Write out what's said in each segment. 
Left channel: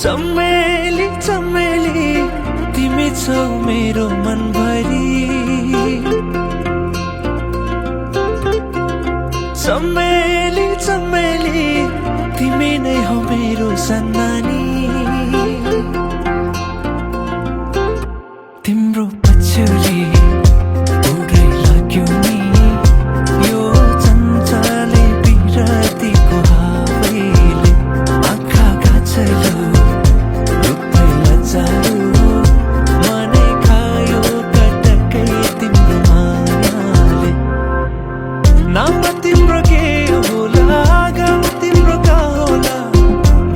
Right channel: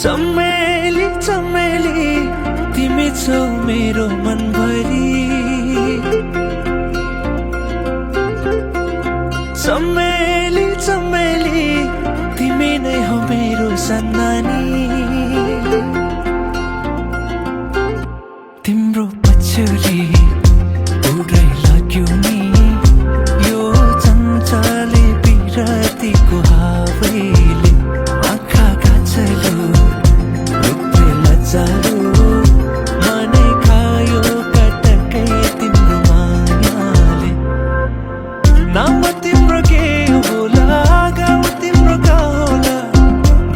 चमेली चमेली तिमी छौ मेरो मनभरि। चमेली चमेली तिमी नै हो मेरो सन्नानी। तिम्रो पछ्यौरी उडै लाग्यो नि यो चञ्चले बिरतीको हावैले। आँखा गाछलो रूपले लजालु मनै खायो कटकै तिम्रो मायाले। नाम तिम्रो के होला गाउँ तिम्रो का होला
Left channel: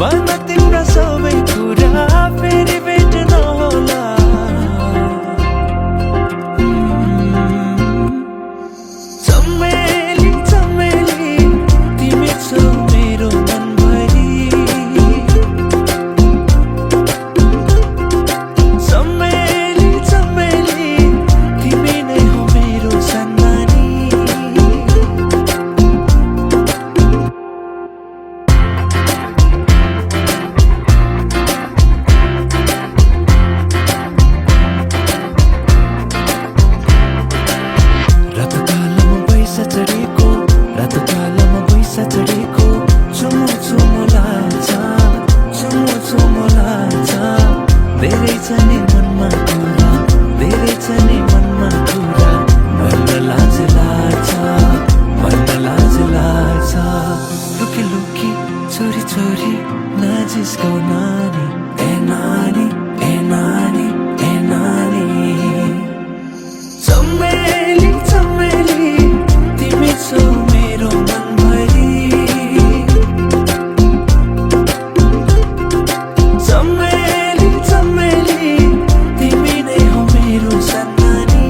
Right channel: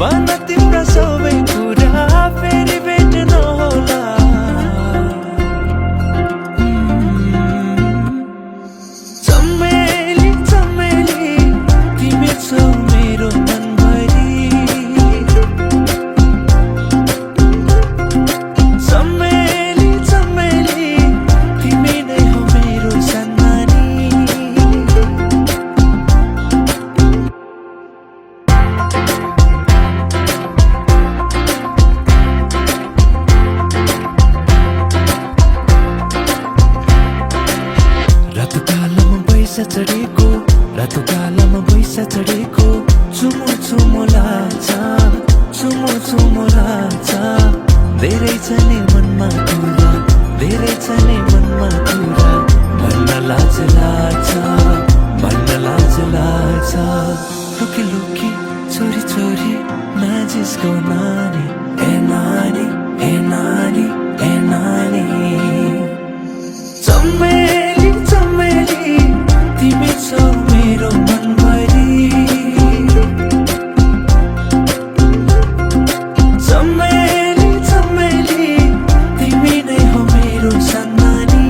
भन तिम्रो सबै कुरा फेरि भेट्न होला। चमेली चमेली तिमी छौ मेरो मनभरि। चमेली चमेली तिमी नै हो मेरो सन्नानी। रातो कालोमा बैसा चढेको चुमो चुमो लाग्छ चुमो लाग्छ। धेरै छ नि मनमा कुरा धेरै छ नि मनमा कुरा भन्न लाज लाग्छ भन्न लाज लाग्छ। लुकी लुकी चोरी चोरी नजिस्काऊ नानी ए नानी ए नानी ए नानी। चमेली चमेली तिमी छौ मेरो मनभरि। चमेली चमेली तिमी नै हो मेरो सन्नानी।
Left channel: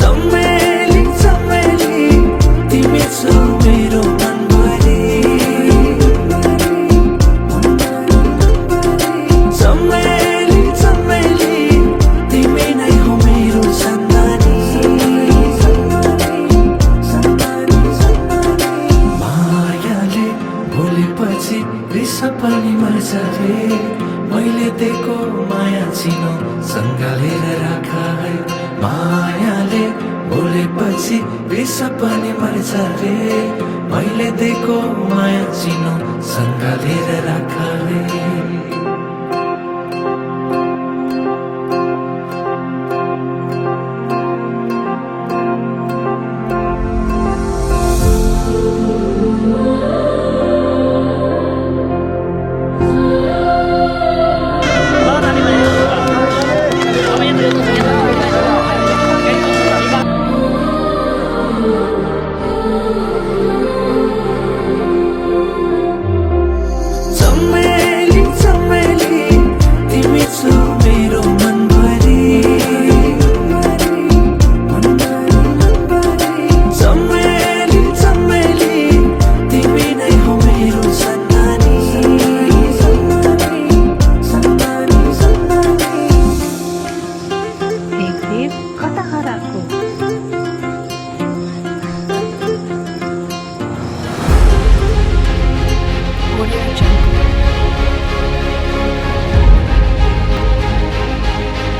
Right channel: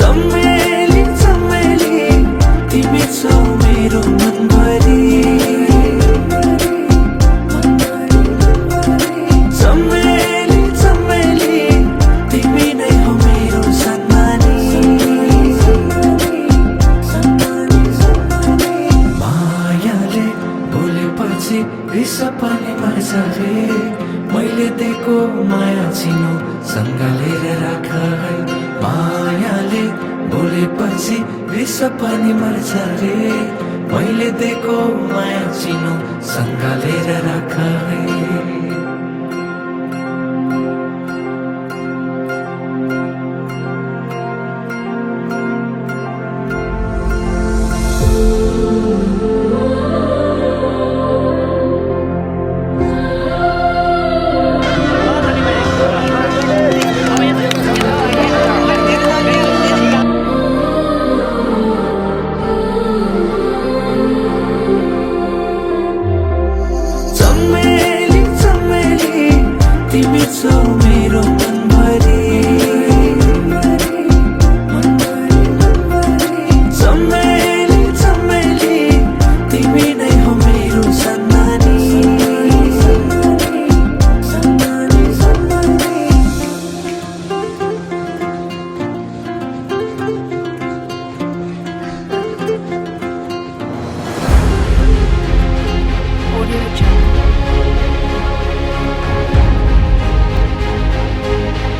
चमेली चमेली तिमी छौ मेरो मनभरि। चमेली चमेली तिमी नै हो मेरो सन्नानी। मायाले बोलेपछि रिस पनि मर्छ रे। मैले दिएको माया चिनो सँगलेर राख है। मायाले बोलेपछि रिस पनि मर्छ रे। मैले दिएको माया चिनो सँगलेर राख है।